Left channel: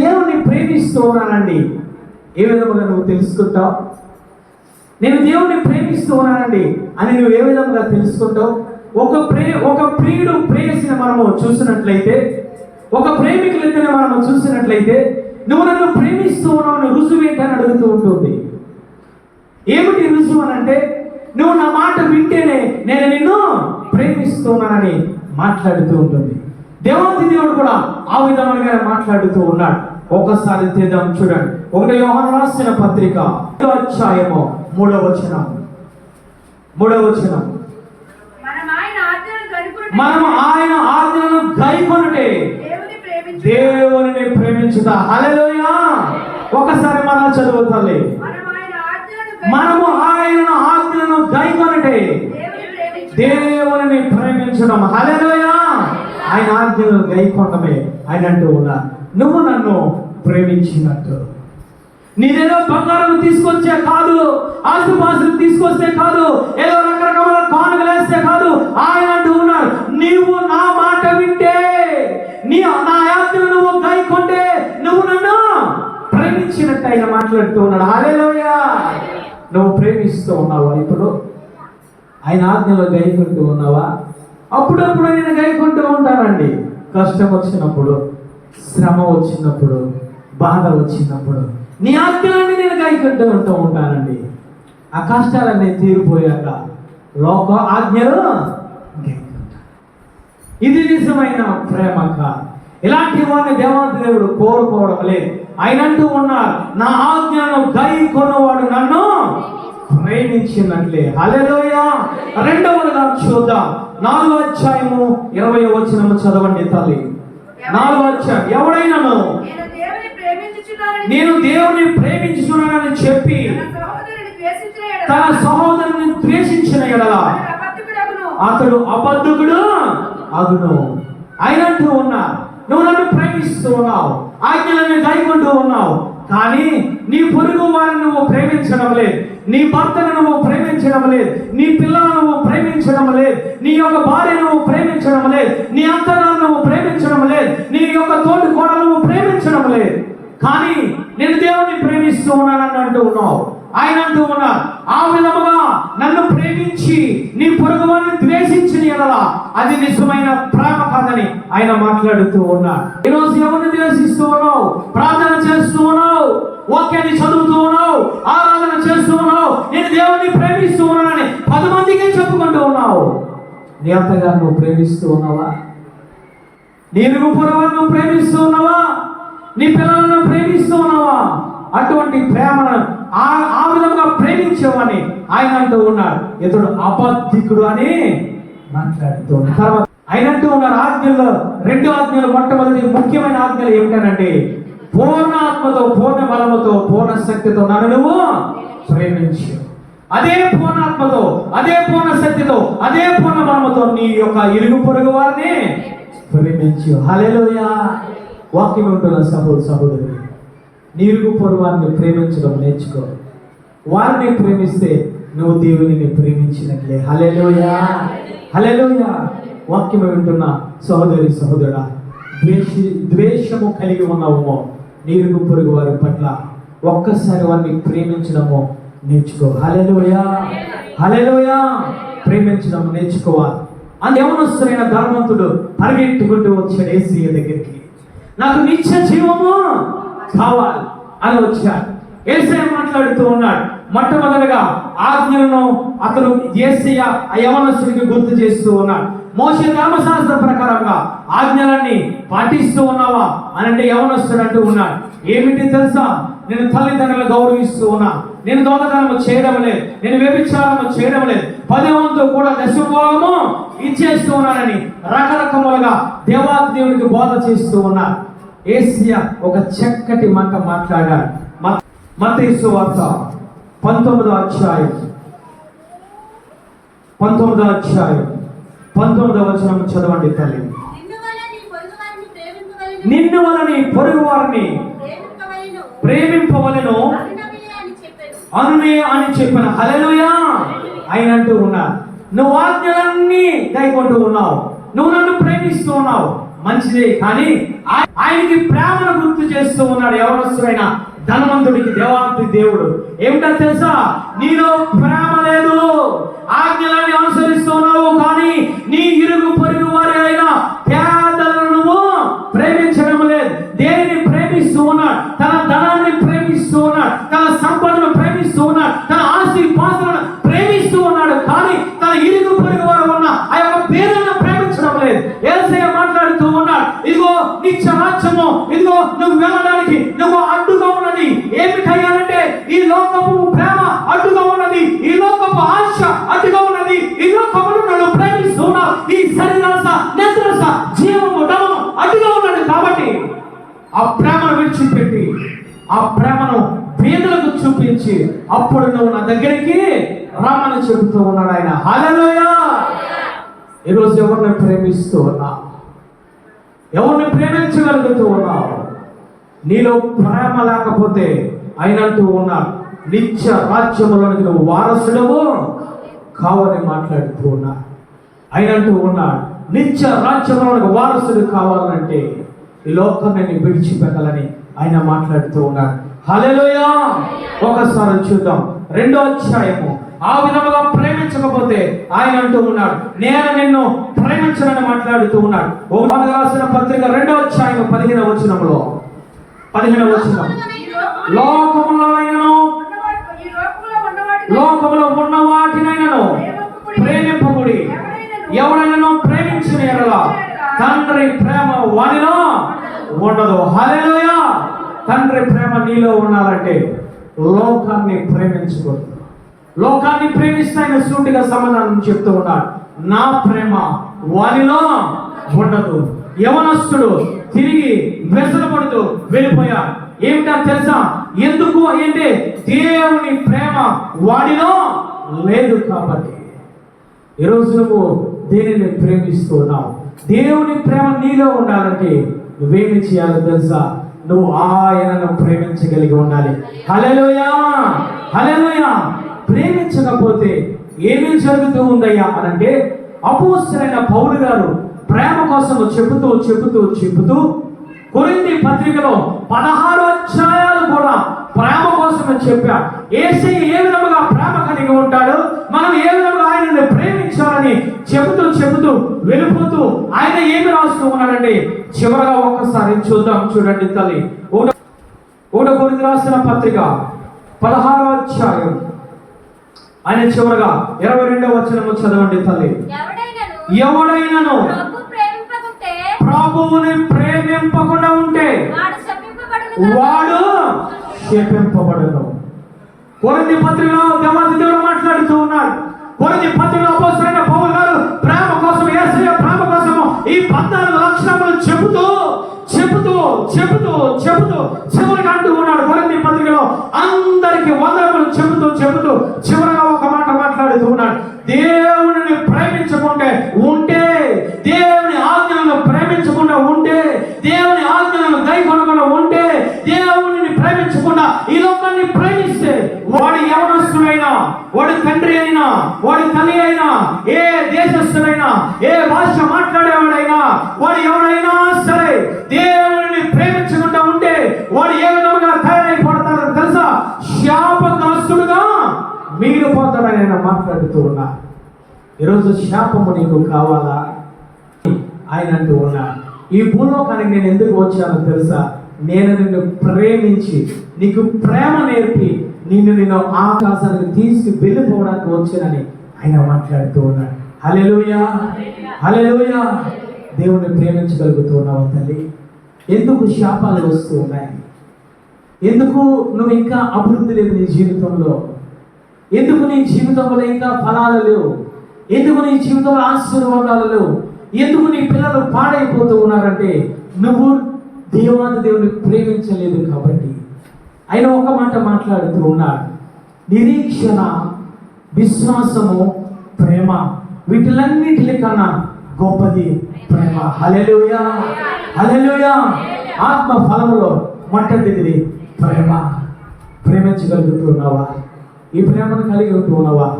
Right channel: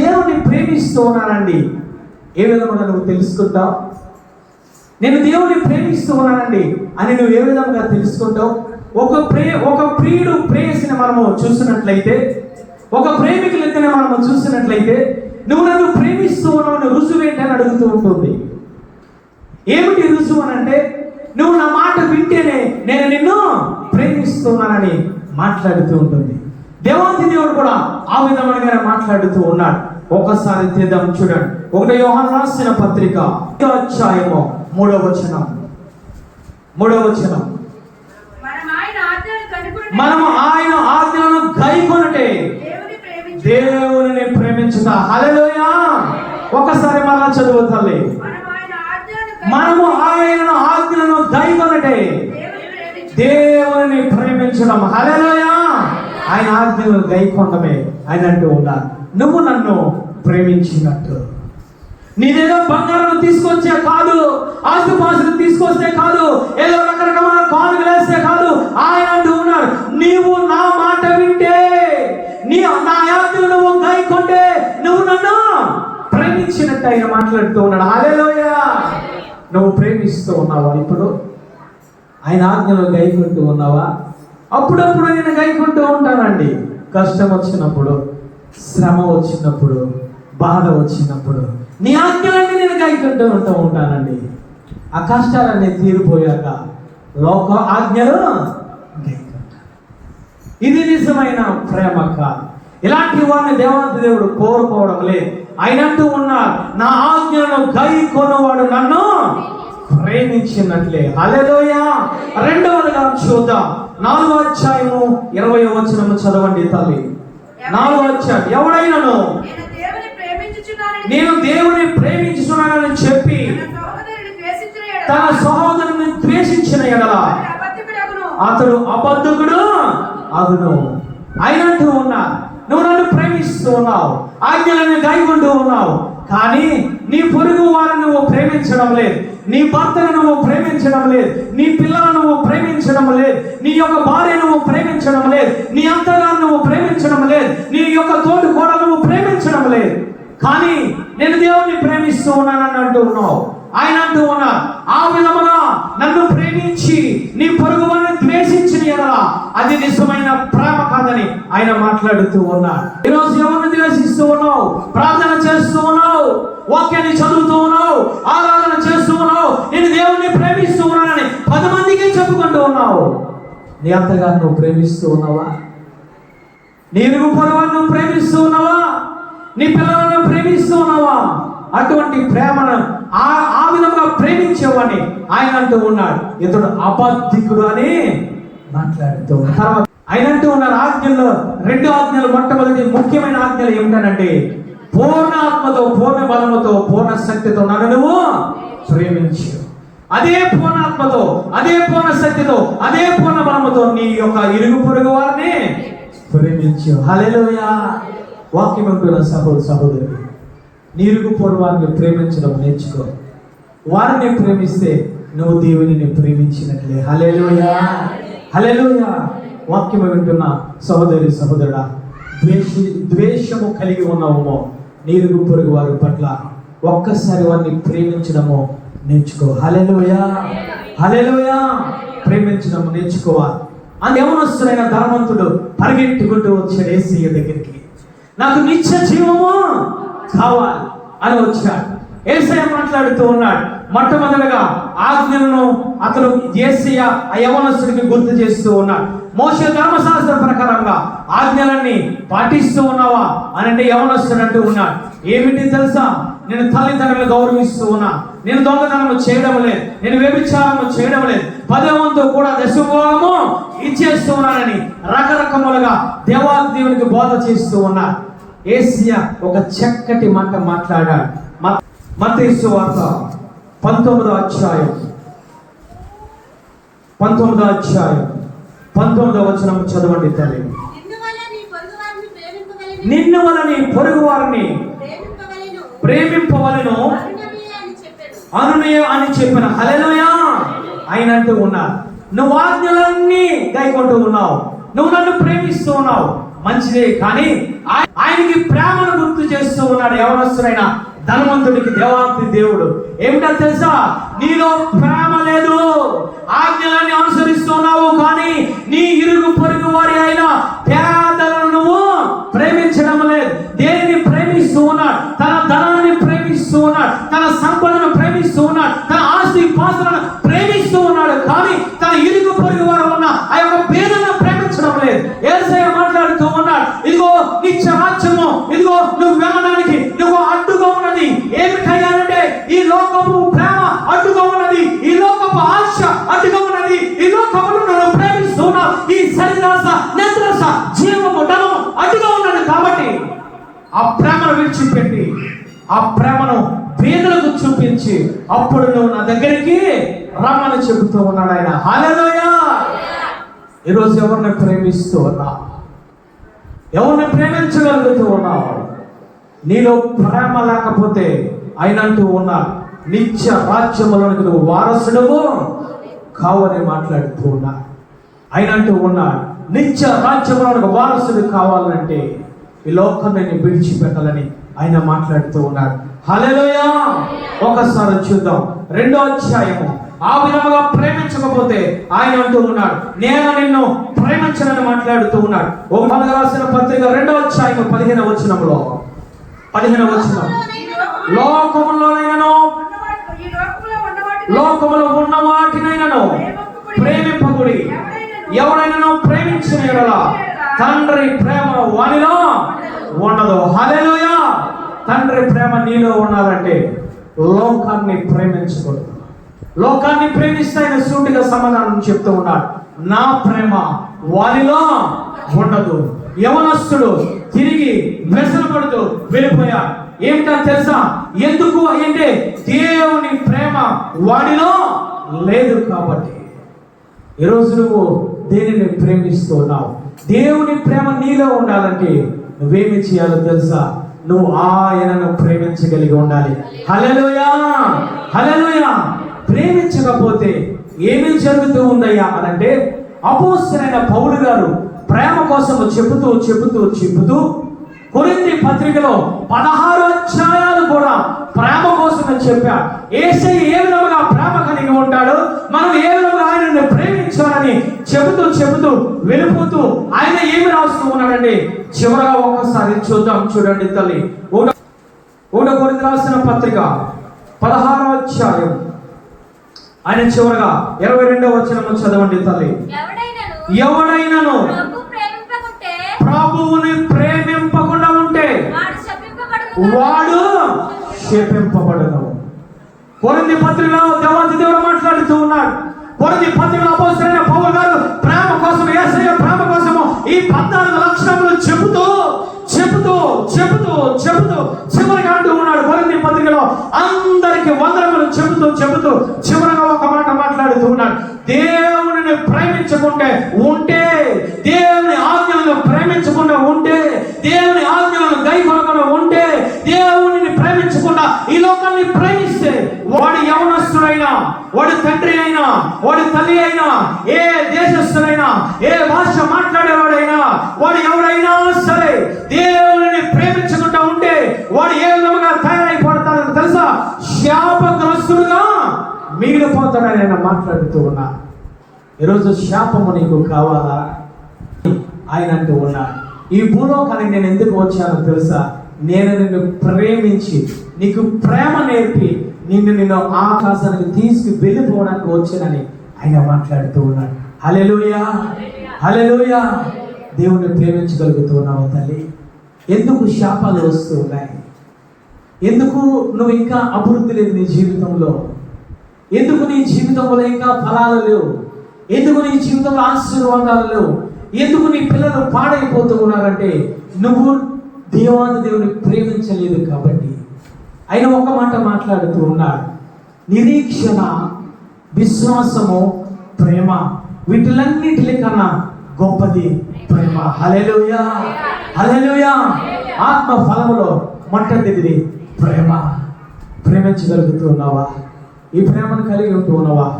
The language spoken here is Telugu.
దేవుణ్ణి ప్రేమిస్తూ ఉన్నానండి ఏ విధంగా నువ్వు తెలుసుకుంటావు? నేను దేవుణ్ణి ప్రేమిస్తూ ఉన్నానండి అని నువ్వు ఏ విధంగా తెలుసుకుంటావు? ఒక ప్రే ఒక ప్రియుడు ప్రేయసిని మనము చూసినట్లయితే ఒక ప్రేమికులైతే మనము చూసినట్లయితే నువ్వు నన్ను ప్రేమిస్తూ ఉన్నావు రుజువు ఏంటని అడుగుతూ ఉంటుంది. ఏమిటి రుజువు అని అంటే నువ్వు నా మాట వింటేనే నేను నిన్ను ప్రేమిస్తున్నానని మాట్లాడుతూ ఉంటుంది. దేవాది దేవుడు కూడా ఆ విధంగానే మాట్లాడుతూ ఉన్నాడు. ఒకసారి తీద్దాం చూడండి. ఒకటి యోహాను రాసిన పత్రిక అధ్యాయము మూడవ వచనం. మూడవ వచనం. మనం ఆయన ఆజ్ఞలను ఆజ్ఞలను గైకొనుటే దేవుని ప్రేమించు దేవుని ప్రేమించుట. హల్లెలూయా! ఒకసారి మనం చదువు తల్లి. మనము ఆయన ఆజ్ఞలను గైకొనుటే దేవుని ప్రేమించు దేవుని ప్రేమించడం హల్లెలూయా! ఆయన ఆజ్ఞలను గైకొనడమే. ఆయన అంటూ ఉన్నారు నువ్వు నన్ను ప్రేమించినట్టు. నీదేదో బంగారం తీసుకొచ్చే కాదు ఆస్తుపాస్తులు తీసుకొస్తే కాదు ఏదో రకరకమైన కానుకలు వేస్తే కాదు ఆయన అంటూ ఉన్నారు. నీవు నా మాట వింటే నీ నా యాత్ర నువ్వు గైకొంటే నువ్వు నన్ను ప్రేమించినట్టు ఆయన మాట్లాడుతూ ఉన్నాడు. హల్లెలూయా! నువ్వు ప్రేమిస్తూ ఉన్నావా ఇప్పుడు? ఆయన ఆజ్ఞలో గైకుంటూ ఉన్నావా? అప్పుడప్పుడు నేను గైకుంటూ ఉంటానండి. కష్టం వచ్చినప్పుడు. శ్రమ వచ్చినప్పుడు బాధ వచ్చినప్పుడు నీ ఆజ్ఞలన్నీ నేను గాయకుంటూ ఉంటూ ఉంటానండి. ఆ కష్టాలన్నీ తీరిపోయాక లోక ఆజ్ఞలు ఇది నిజమైన ప్రేమ కాదు ఇలాంటి వారిని దేవత దేవుడు కోరుకోవడం లేదు. ఆయన అంటూ ఉన్నారు నా ఆజ్ఞను గై కొనవాడు నన్ను ప్రేమించినట్లే. అలెలోయ రెండవదిగా చూద్దాం. నాలుగో అధ్యాయము ఇరవై వచనము చదవండి తల్లి. నాలుగో అధ్యాయం. ఎవడైనాను? నేను దేవుని ప్రేమించుతున్నానని చెప్పి తన సహోదరుని ద్వేషించిన ఎడల అతడు అబద్ధకుడు అగును. అయినట్టు ఉన్నా నువ్వు నన్ను ప్రేమిస్తూ ఉన్నావు ఆజ్ఞలను గాయకుంటూ ఉన్నావు కానీ నీ పొరుగు వారిని నువ్వు ప్రేమించడం లేదు. నీ భర్తను నువ్వు ప్రేమించడం లేదు. నీ పిల్లలను నువ్వు ప్రేమించడం లేదు. నీ యొక్క భార్య నువ్వు ప్రేమించడం లేదు. నీ ప్రేమించడం లేదు. నీ యొక్క తోటి కోడలు ప్రేమించడం లేదు. కానీ నేను దేవుణ్ణి ప్రేమిస్తూ ఉన్నానని అంటూ ఉన్నావు. ఆయన అంటూ ఉన్నా ఆ విధముగా నన్ను ప్రేమించి నీ పొరుగువారిని ద్వేషించిన ఎడల అది నిజమైన ప్రేమ కాదని ఆయన మాట్లాడుతూ ఉన్నాడు. ఈరోజు ఎవరిని ద్వేషిస్తూ ఉన్నావు? ప్రార్థన చేస్తూ ఉన్నావు? వాక్యాన్ని చదువుతూ ఉన్నావు? ఆరాధన చేస్తూ ఉన్నావు? నేను దేవుణ్ణి ప్రేమిస్తూ ఉన్నానని పది మందికి చెప్పుకుంటూ ఉన్నావు. నీ అంతగా నువ్వు ప్రేమిస్తూ ఉన్నావా? నీ ఇరుగు నువ్వు ప్రేమిస్తూ ఉన్నావా? నీ పిల్లలను ప్రేమిస్తూ ఉన్నావా? అటువంటి ప్రేమను ఆ ఆ విధంగా ప్రేమించేవాడిని ఆయన అంటూ ఉన్నాడు. ఇతడు అబద్ధికుడు అని మాట్లాడుతూ తర్వాత ఆయన అంటూ ఉన్నారు ఆజ్ఞలు రెండు ఆజ్ఞలు మొట్టమొదటి ముఖ్యమైన ఆజ్ఞలు ఏమిటనంటే పూర్ణ ఆత్మతో పూర్ణ బలముతో పూర్ణ శక్తితో నన్ను నువ్వు ప్రేమించు. అదే పూర్ణాత్మతో అదే పూర్ణ శక్తితో అదే పూర్ణ బలముతో నీ యొక్క ఇరుగు పొరుగు వారిని ప్రేమించు. హల్లెలూయా. వాక్యం ఉంటున్న సహోదరు సహోదరుడు నీ వారిని ప్రేమించడం నేర్చుకో. వారిని ప్రేమిస్తే నువ్వు దేవుని ప్రేమించినట్లే. హల్లెలూయా. హల్లెలూయా. వాక్యం వింటున్న సహోదరి సహోదరుడా ద్వేషి ద్వేషము కలిగి ఉన్నామో నీరుగు పొరుగు వారి పట్ల ఒక్కసారి వారిని ప్రేమించడము నేర్చుకో. హల్లెలూయా. హల్లెలూయా. ప్రేమించడం నేర్చుకోవాలి అని యవనస్తులైన ధనవంతుడు పరిగెట్టుకుంటూ వచ్చాడు ఏసీ దగ్గరికి. నాకు నిత్య జీవము కావాలి అని వచ్చాడు. ఏసయ్య మాట్లాడుతూ ఉన్నాడు. మొట్టమొదటిగా ఆజ్ఞలను అతను ఏసయ ఆ యవనస్తుడికి గుర్తు చేస్తూ ఉన్నాడు. మోస ధర్మశాస్త్ర ప్రకారంగా ఆజ్ఞలన్నీ పాటిస్తూ ఉన్నావా అని అంటే యవనస్తుడు అంటూ ఉన్నాడు. ఏమిటి తెలుసా? నేను తల్లిదండ్రులు గౌరవిస్తూ ఉన్నా నేను దొంగతనము చేయడం లేదు. నేను వ్యభిచారము చేయడం లేదు. పదే వంతు కూడా దశభోగము ఇచ్చేస్తూ ఉన్నానని రకరకములుగా దేవాది దేవునికి బోధ చేస్తూ ఉన్నా ఏసియా ఒక చక్కటి మాట మాట్లాడాడు. మతేసు వార్త పంతొమ్మిదో అధ్యాయం. పంతొమ్మిదో అధ్యాయం. పంతొమ్మిదో వచనం చదవండి తల్లి. నిన్ను వలని పొరుగు వారిని ప్రేమింపవలెను. ప్రేమింపవలను అని చెప్పిన హల్లెలూయా. ఆయన అంటూ ఉన్నా నువ్వు ఆజ్ఞలన్నీ గైకొంటూ ఉన్నావు. నువ్వు నన్ను ప్రేమిస్తూ ఉన్నావు. మంచిదే కానీ ఆయనకి ప్రేమను గుర్తు చేస్తూ ఉన్నాడు యవనస్తుడైన ధనవంతుడికి దేవాంతి దేవుడు. ఏమిటో తెలుసా? నీలో ప్రేమ లేదు. ఆజ్ఞలన్నీ అనుసరి రమ్మని ఉన్నాడు ఆయన. హల్లెలూయా! ఈరోజు ఎవరిని ప్రేమిస్తూ ఉన్నా? ఎవరిని ప్రేమించగలుగుతూ ఉన్నావు నీలో ప్రేమ లేకపోతే ఆయనంటూ ఉన్నాడు నిత్య రాజ్యములోనికి నువ్వు వారసుడవు. కావని మాట్లాడుతూ ఉన్నాడు ఆయనంటూ ఉన్నాడు నిత్య రాజ్యములకు వారసుడు కావాలంటే ఈ లోకాన్ని విడిచిపెట్టాలని ఆయన మాట్లాడుతూ ఉన్నారు. హలెలోయా ఒకసారి చూద్దాం. రెండో అధ్యాయము. ఆ విధముగా ప్రేమించకపోతే ఆయన అంటూ ఉన్నాడు నేను నిన్ను ప్రేమించనని మాట్లాడుతూ ఉన్నాడు. ఓ మనకు రాసిన పత్రిక రెండో అధ్యాయం పదిహేను వచనంలో. పదిహేను వచనం. లోకములోనైనను లోకంలో లోకములో ఉన్న వాటినైనను ప్రేమింపబడి ఎవరైనా ప్రేమించిన ఎడలా తండ్రి ప్రేమ వానిలో ఉండదు. హల్లెలూయా! తండ్రి ప్రేమ నీలో ఉన్నారంటే లోకాన్ని ప్రేమించకూడదు. లోకాన్ని ప్రేమిస్తాయని సూటిగా సమాధానం చెప్తూ ఉన్నాడు. నా ప్రేమ వారిలో ఉండదు. యవనస్తుడు తిరిగి వ్యసనపడుతూ వెళ్ళిపోయా ఏమిటా తెలుసా? ఎందుకు అంటే దేవుని ప్రేమ వాడిలో లేదు కాబట్టి. ఈరోజు నువ్వు దేనిని ప్రేమిస్తూ ఉన్నావు? దేవుని ప్రేమ నీలో ఉండాలంటే నువ్వేమి చేయాలో తెలుసా? నువ్వు ఆయనను ప్రేమించగలిగి ఉండాలి. హలలుయా హలలుయా ప్రేమించకపోతే ఏమీ జరుగుతూ ఉందయ్యా అనంటే అపోసరైన పౌలు గారు ప్రేమ కోసం చెబుతూ చెబుతూ చెబుతూ కొన్ని పత్రికలో పదహారు అధ్యాయాలు కూడా ప్రేమ కోసం చెప్పా. ఏసై ఏ విధంగా ప్రేమ కలిగి ఉంటాడు మనం ఏ విధంగా ఆయనను ప్రేమించాలని చెబుతూ చెబుతూ వెళ్ళిపోతూ ఆయన ఏమి రాస్తూ ఉన్నాడండి? చివరగా ఒక్కసారి చూద్దాం చూడండి తల్లి. ఒకటో ఒకటో గురించి రాసిన పత్రిక పదహారో అధ్యాయం. ఆయన చివరగా ఇరవై రెండవ వచనము చదవండి తల్లి. ఎవడైనను? ప్రభువుని ప్రేమింపకుండా ఉంటే? వాడు శపింపబడను కొరింది పత్రికలో దేవాది దేవుడు మాట్లాడుతూ ఉన్నాడు. కొరింది పత్రికలో అపోసరైన పౌలు గారు ప్రేమ కోసం యేసయ్య ప్రేమ కోసం ఈ పద్నాలుగు లక్షణములు చెబుతూ చెబుతూ చెబుతూ చెబుతూ చివరికి అంటూ ఉన్నాడు కొరంది పత్రికలో. అందరికి వందనములు చెబుతూ చెబుతూ చివరగా ఒక మాట మాట్లాడుతూ ఉన్నాడు. దేవుని ప్రేమించకుంటే ఉంటే దేవుని ఆజ్ఞలను ప్రేమించకుండా ఉంటే దేవుని ఆజ్ఞలను గైకొనకుండా ఉంటే దేవుని ప్రేమించకుండా ఈ లోకాన్ని ప్రేమిస్తే వాడు యవనస్తుడైనా వాడు తండ్రి అయినా వాడు తల్లి అయినా ఏ దేశస్థుడైనా ఏ భాష మాట్లాడేవాడైనా వాడు ఎవడైనా ఈరోజు శాపము నీకు కావాలా? ఆయన అంటూ ఉన్నాడు. ఈ భూలోకానికి నేను ఎందుకు వచ్చానో తెలుసా? నేను నిన్ను ప్రేమించి నీకు ప్రేమ నేర్పి నిన్ను నిన్ను ఆకాశానికి తీసుకు వెళ్ళిపోవడానికి వచ్చానని ఆయన మాట్లాడుతూ ఉన్నాడు. హలెలుయా హలెలుయా దేవుని ప్రేమించగలుగుతున్నావు తల్లి. ఎందుకు శాపాలు వస్తూ ఉన్నాయి? ఎందుకు నువ్వు ఇంకా అభివృద్ధి లేదు నీ జీవితంలో? ఎందుకు నీ జీవితంలో ఇంకా ఫలాలు లేవు? ఎందుకు నీ జీవితంలో ఆశీర్వాదాలు లేవు? ఎందుకు నీ పిల్లలు పాడైపోతూ ఉన్నారంటే నువ్వు దేవాది దేవుని ప్రేమించలేదు కాబట్టి. ఆయన ఒక మాట మాట్లాడుతూ ఉన్నాడు నిరీక్షణ విశ్వాసము ప్రేమ వీటిలన్నిటి కన్నా గొప్పది ప్రేమ. హలెలుయా హలెలుయా ఆత్మ ఫలంలో మొట్టమొదటిది ప్రేమ. ప్రేమించగలుగుతున్నావా? ఈ ప్రేమను కలిగి ఉంటూ ఉన్నావా